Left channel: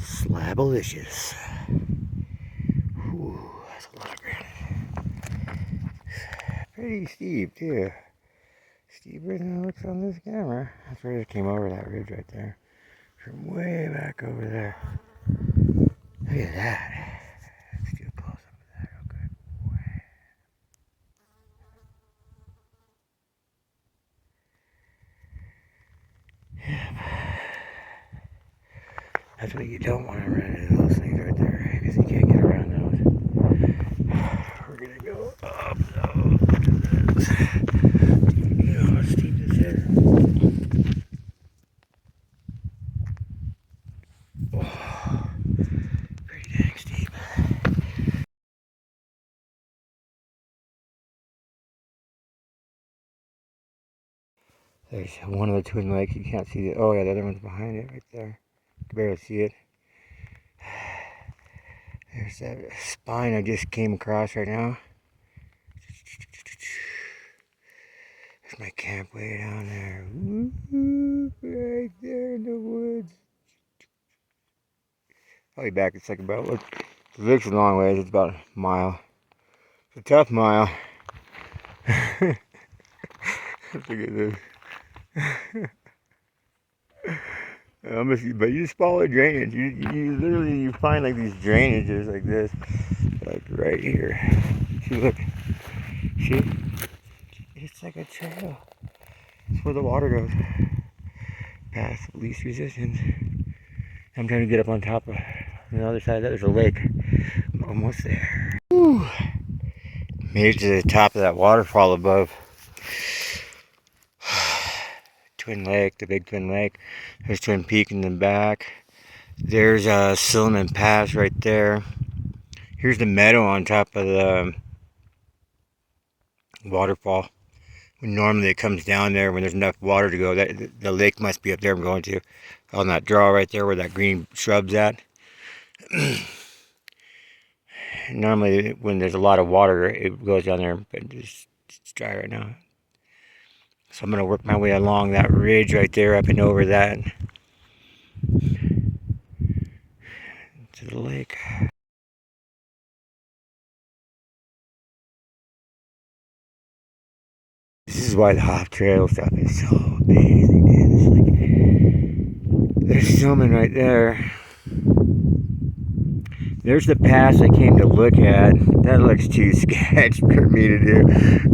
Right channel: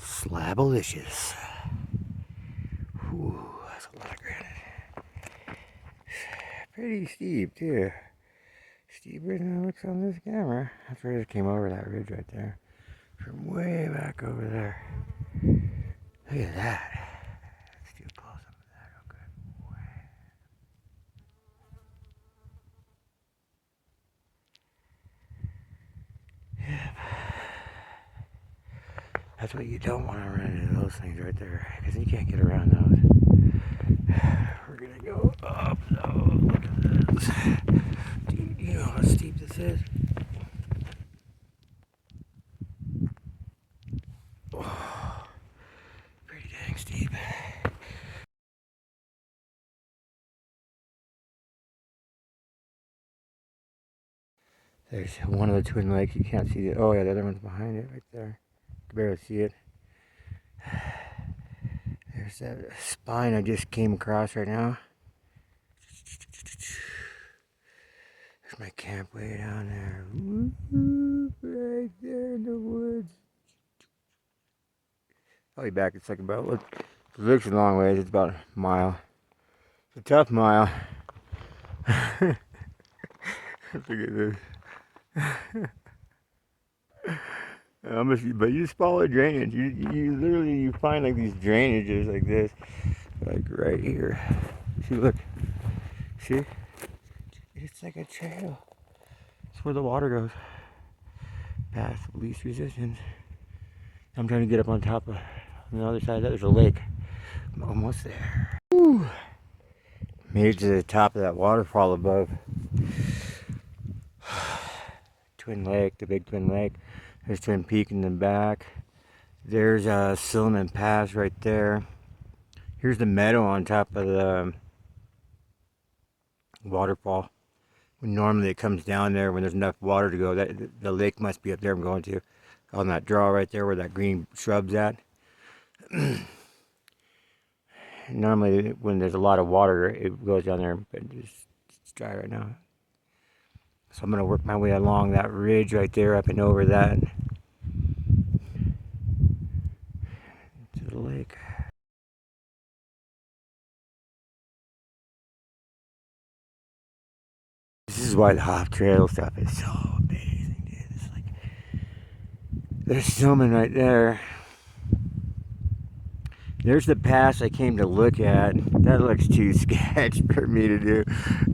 Slabalicious. Ooh, that's a lot of granite. Pretty steep too. Steeper than it looks on this camera. That's where it came over that ridge right there. From way back over there. Look at that. Let's do a close up of that real good. Yep. That's what you don't want to run into those things right there, because you can't get around those. We're gonna go up those. Look at this. Dude, you know how steep this is? Oh, pretty dang steep. There's one of the twin lakes. You can't see it. Oh yeah, the other one's behind it right there. You can barely see it. There's that spine I just came across right now. There's my camp way down there. Woo-hoo, right there in the woods. I'll be back in a second, but look, the lake's a long ways. It's about a mile. It's a tough mile. Look at this. But you just follow drainage. You literally find like these drainages like this, like right here. See, look. See? It's like a trail. It's where the water goes. Past least resistance. I'm trying to get up on top of the other side. There's a lake. I'm almost there. Woo. Made it to the top of that waterfall above. Twin Lake, the big Twin Lake. There's Twin Peak in the back. There's a Silliman Pass right there. Here's the meadow on top of the waterfall. Normally it comes down there when there's enough water to go. The lake must be up there I'm going to. On that draw right there where that green shrub's at. Normally when there's a lot of water it goes down there, but it's dry right now. So I'm going to work my way along that ridge right there up and over that to the lake. This is why the hop trail stuff is so amazing, dude. It's like, there's silliman right there. There's the pass I came to look at. That looks too sketch for me to do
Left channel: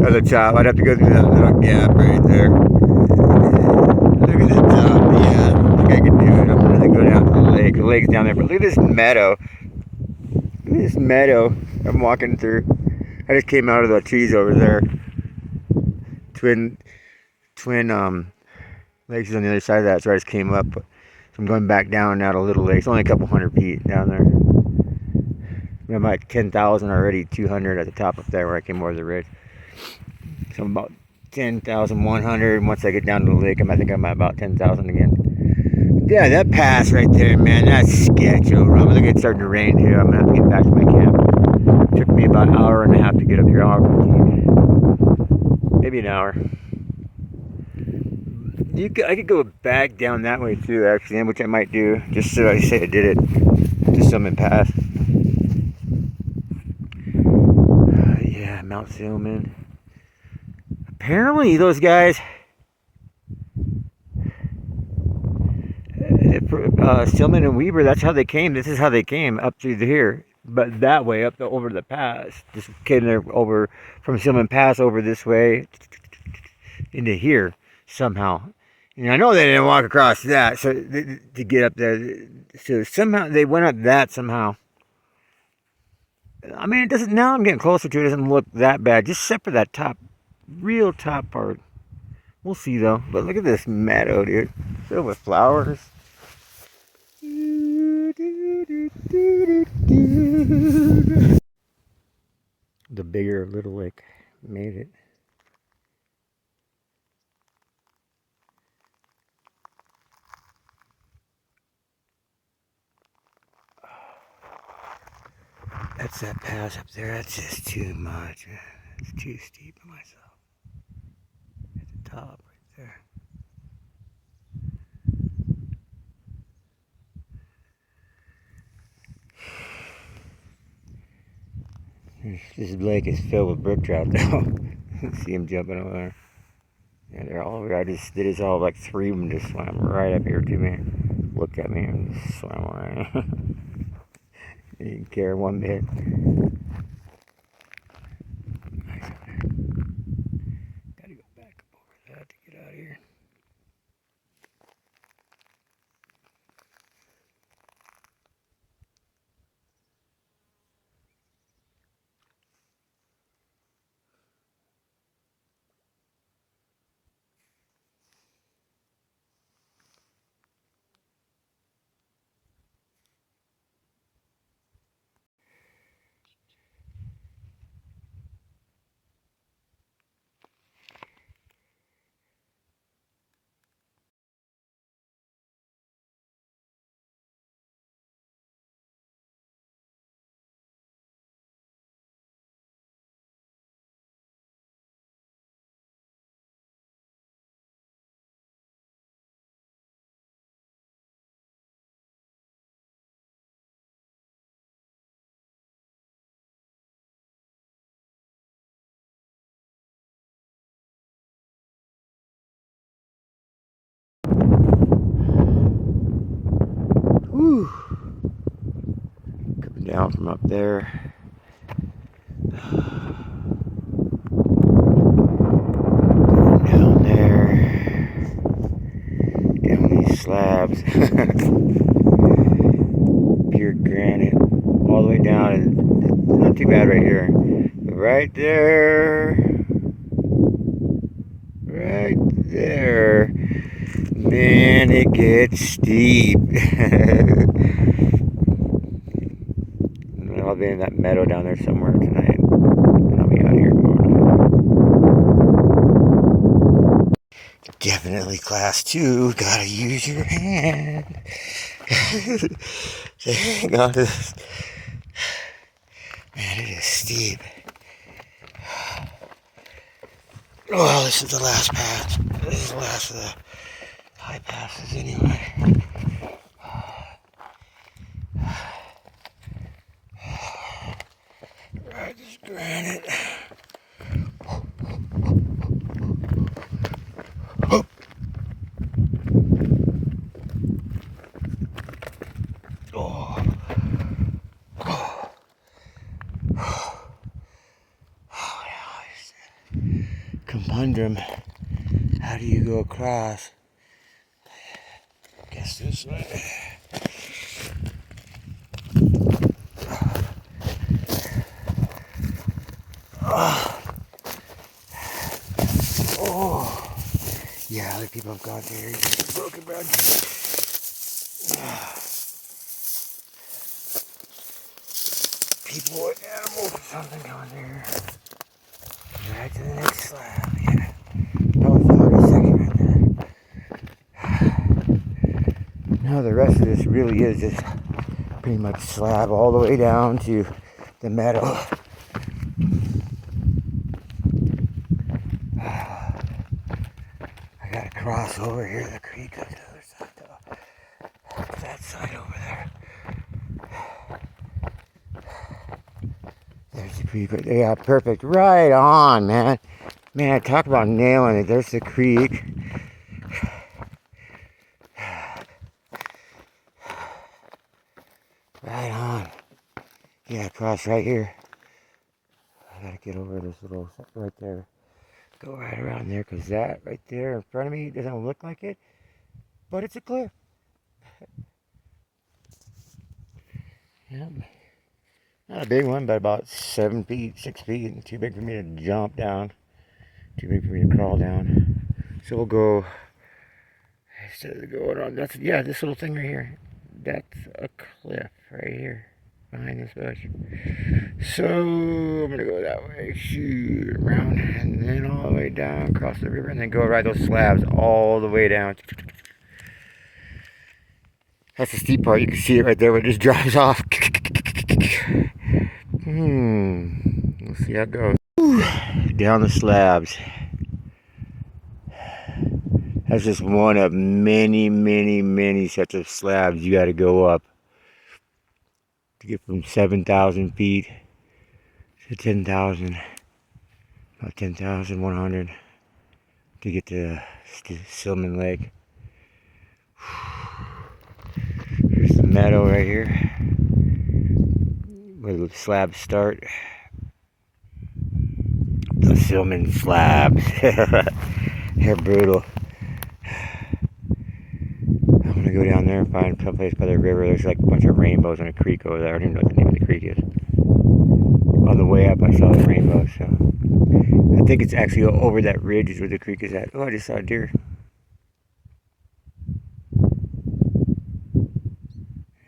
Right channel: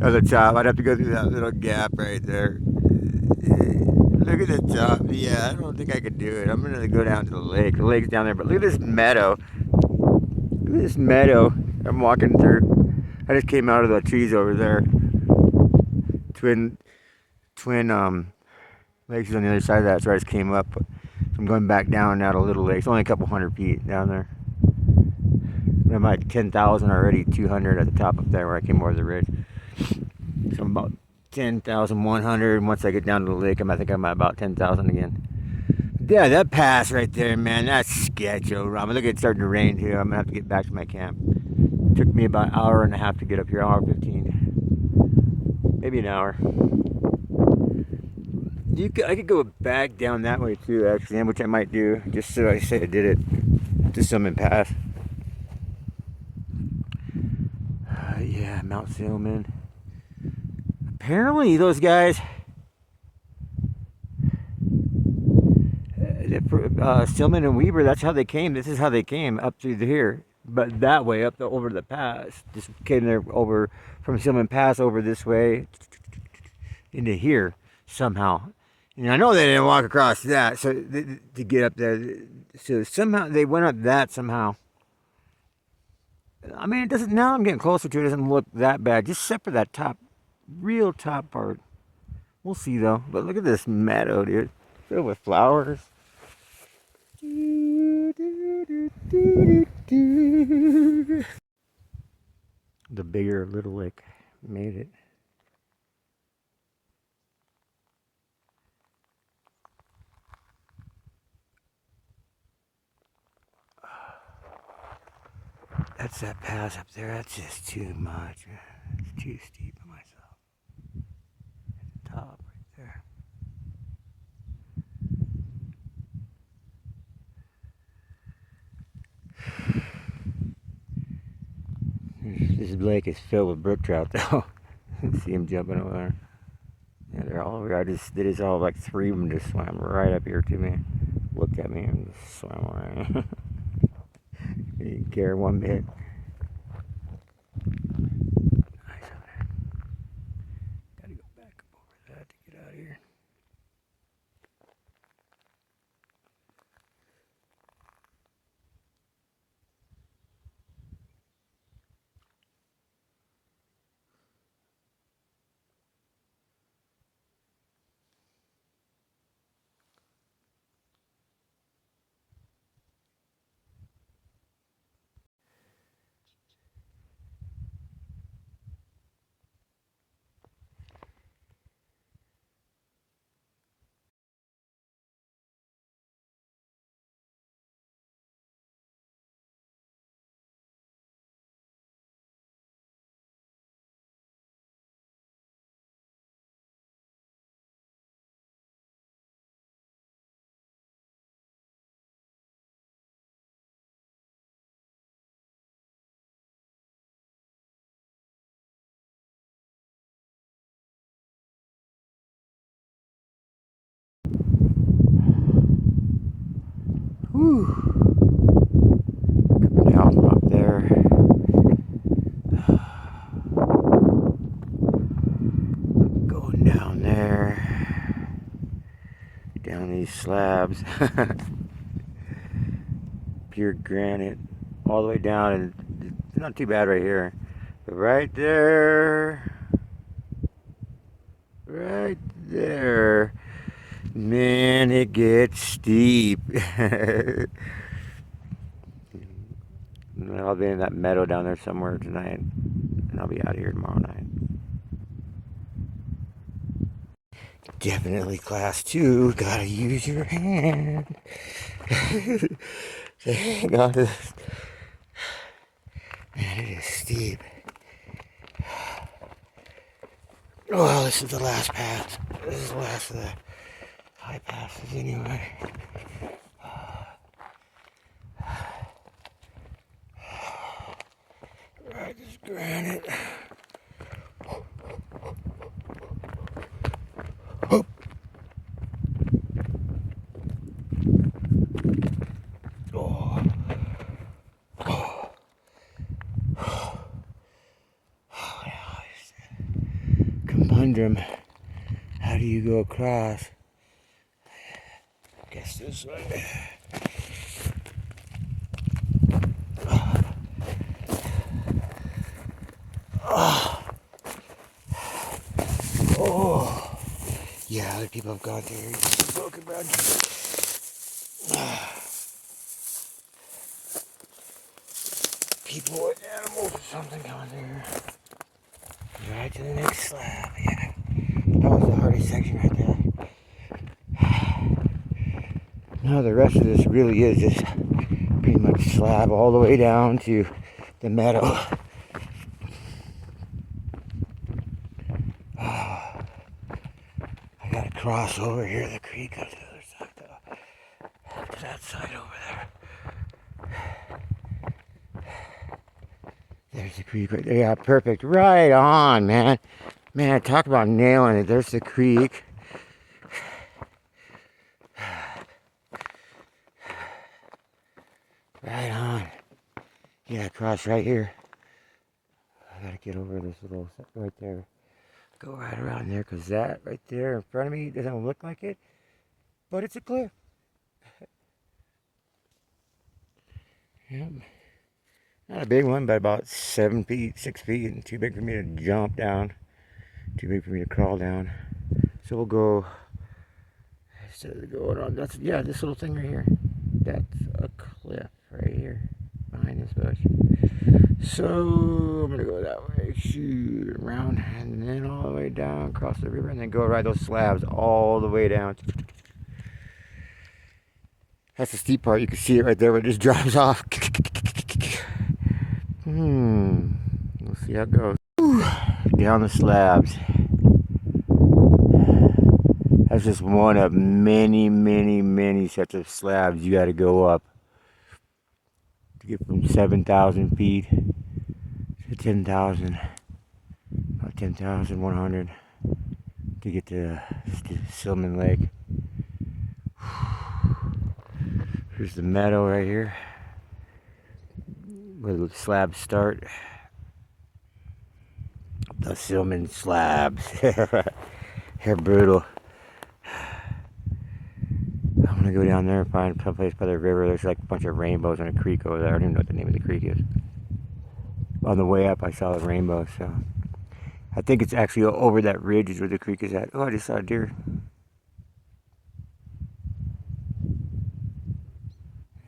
at the top. I'd have to go through that little gap right there. Look at the top. Yeah, I don't think I can do it. I'm going to go down to the lake. The lake's down there. But look at this meadow. Look at this meadow I'm walking through. I just came out of the trees over there. Twin lakes on the other side of that, so I just came up. So I'm going back down now to Little Lake. It's only a couple hundred feet down there. I'm like 10,000 already, 200 at the top up there where I came over the ridge. So I'm about 10,100. Once I get down to the lake, I think I'm at about 10,000 again. Yeah, that pass right there, man, that's sketch over. Look, it's starting to rain too. I'm gonna have to get back to my camp. It took me about an hour and a half to get up here, hour 15. Maybe an hour. I could go back down that way too, actually, which I might do, just so I say I did it. Just Silliman Pass. Yeah, Mount Silliman. Apparently, those guys, Stillman and Weaver, that's how they came. This is how they came up through here, but that way up over the pass. Just came there over from Silliman Pass over this way into here somehow. And I know they didn't walk across that, so to get up there. So somehow they went up that somehow. I mean, it doesn't. Now I'm getting closer to it. It doesn't look that bad, just except for that top, real top part. We'll see though. But look at this meadow, dude, filled with flowers. The bigger Little Lake made it. That's that pass up there. That's just too much. It's too steep for myself. At the top right there. This lake is filled with brook trout though. See them jumping over there. Yeah, they're all over. They just all like 3 of them just swam right up here to me. Looked at me and just swam away. They didn't care one bit. Nice over there. Gotta go back up over that to get out of here. Whew. Coming down from up there. Going down there. Down these slabs. Pure granite. All the way down. And it's not too bad right here. But right there. Right there. Man, it gets steep. I'll be in that meadow down there somewhere tonight, and I'll be out here tomorrow night. Definitely class 2. Gotta use your hand. Hang on to this. Man, it is steep. Well, this is the last pass. This is the last of the high passes anyway. Right, this granite. Oh. Conundrum. How do you go across? Guess this way. Oh, yeah, other people have gone there. Broken branches. People or animals or something going there. Right to the next slab. Yeah, that was the hardest section right there. Now the rest of this really is just pretty much slab all the way down to the meadow. I gotta cross over here the creek on the other side though. To that side over there. There's the creek right there. Yeah, perfect. Right on, man. Man, talk about nailing it. There's the creek. Right on. Yeah, cross right here. I gotta get over this little right there. Go right around there, because that right there in front of me doesn't look like it, but it's a cliff. Yep. Not a big one, but about 7 feet, 6 feet, and too big for me to jump down. Too big for me to crawl down. So we'll go, instead of going on, that's, yeah, this little thing right here. That's a cliff right here, behind this bush. So I'm gonna go that way, shoot around, and then all the way down, cross the river, and then go ride those slabs all the way down. That's the steep part. You can see it right there where it just drops off. We'll see how it goes. Whew. Down the slabs. That's just one of many, many, many sets of slabs you got to go up to get from 7,000 feet to 10,000, about 10,100 to get to Silliman Lake. Here's the meadow right here where the slabs start. The Silliman slabs. They're brutal. I'm gonna go down there and find some place by the river. There's like a bunch of rainbows in a creek over there. I don't even know what the name of the creek is. On the way up, I saw the rainbow, so I think it's actually over that ridge is where the creek is at. Oh, I just saw a deer.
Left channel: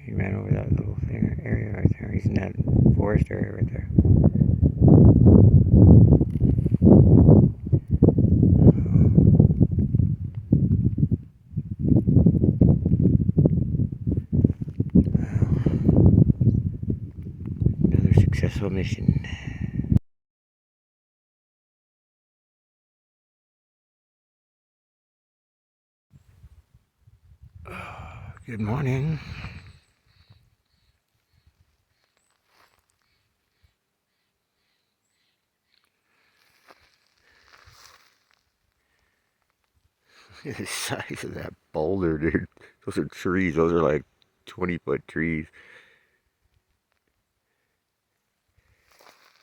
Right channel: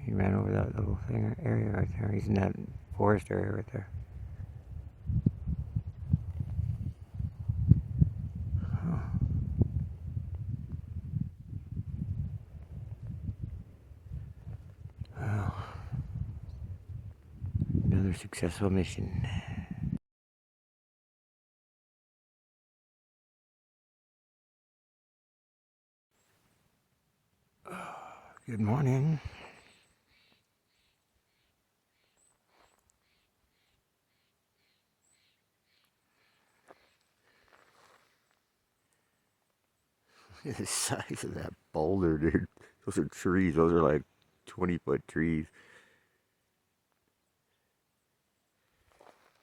He ran over that little thing area right there. He's in that forest area right there. Another successful mission. Good morning. The size of that boulder, dude. Those are trees. Those are like 20-foot trees.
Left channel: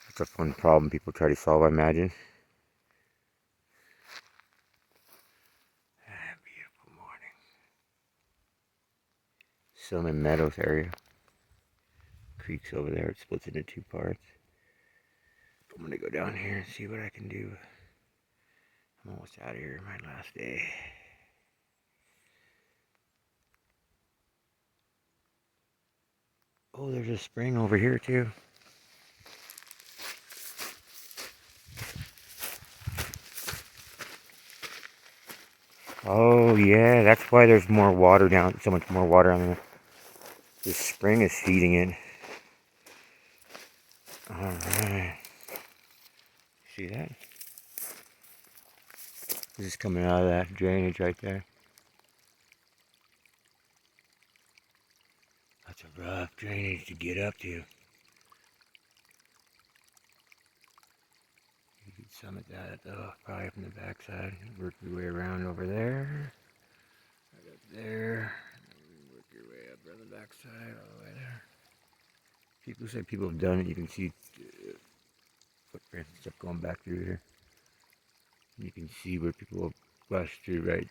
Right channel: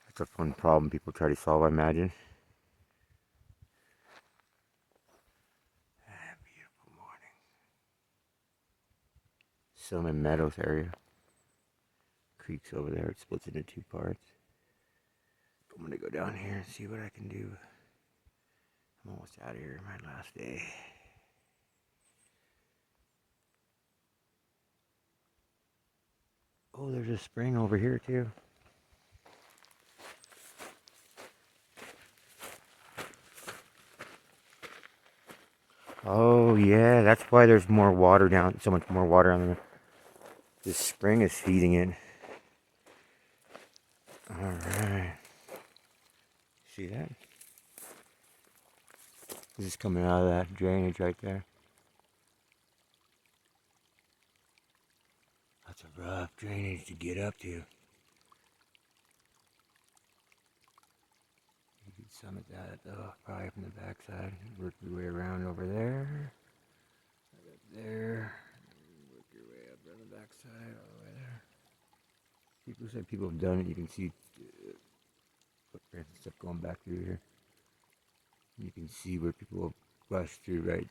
It's a fun problem people try to solve, I imagine. Beautiful morning. Silliman Meadows area. Creek's over there. It splits into two parts. I'm gonna go down here and see what I can do. I'm almost out of here. My last day. Oh, there's a spring over here too. Oh yeah, that's why there's more water down. So much more water on there. This spring is feeding it. All right. See that? This is coming out of that drainage right there. That's a rough drainage to get up to. You can summit that though, probably from the backside. Work your way around over there. Right up there. Work your way up around the backside, all the way there. People say people have done it. You can see footprints and stuff going back through here. You can see where people have rushed through right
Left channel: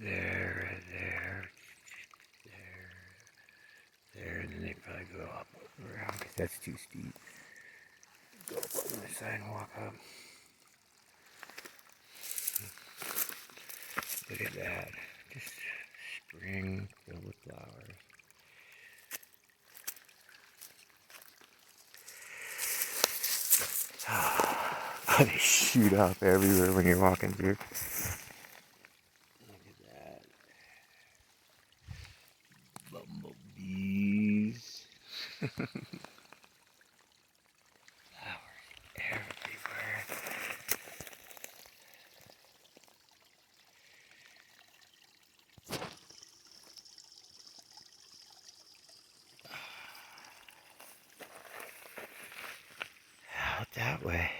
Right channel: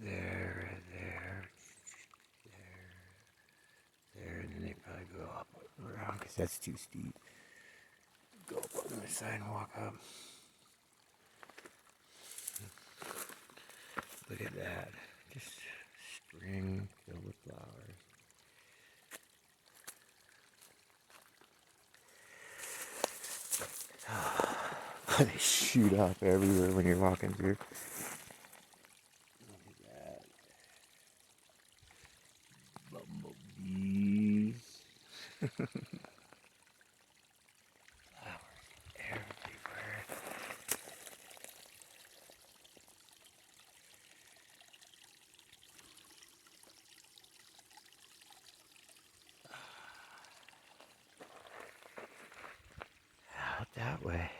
there, there, and then they probably go up around because that's too steep. Go up on the side and walk up. Look at that. Just spring filled with flowers. They shoot up everywhere when you're walking through. Look at that. Bumblebees. Flowers everywhere. Out that way.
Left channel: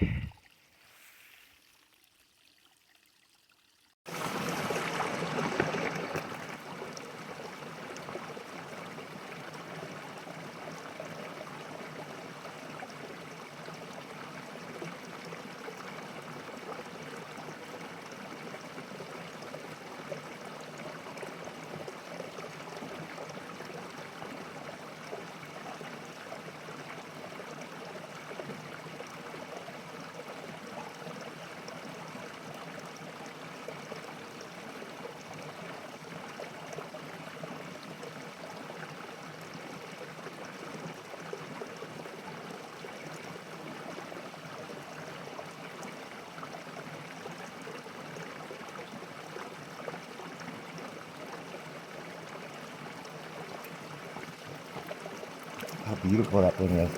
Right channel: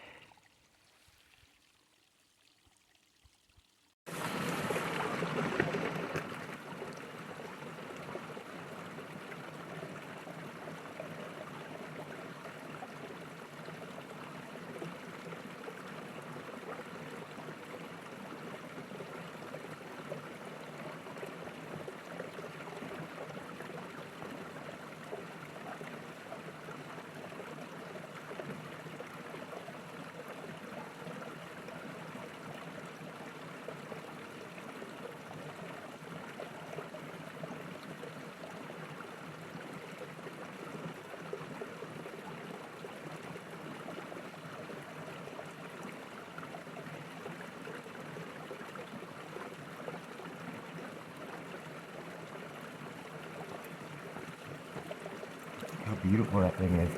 How beautiful that thing is.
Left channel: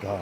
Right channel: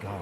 God,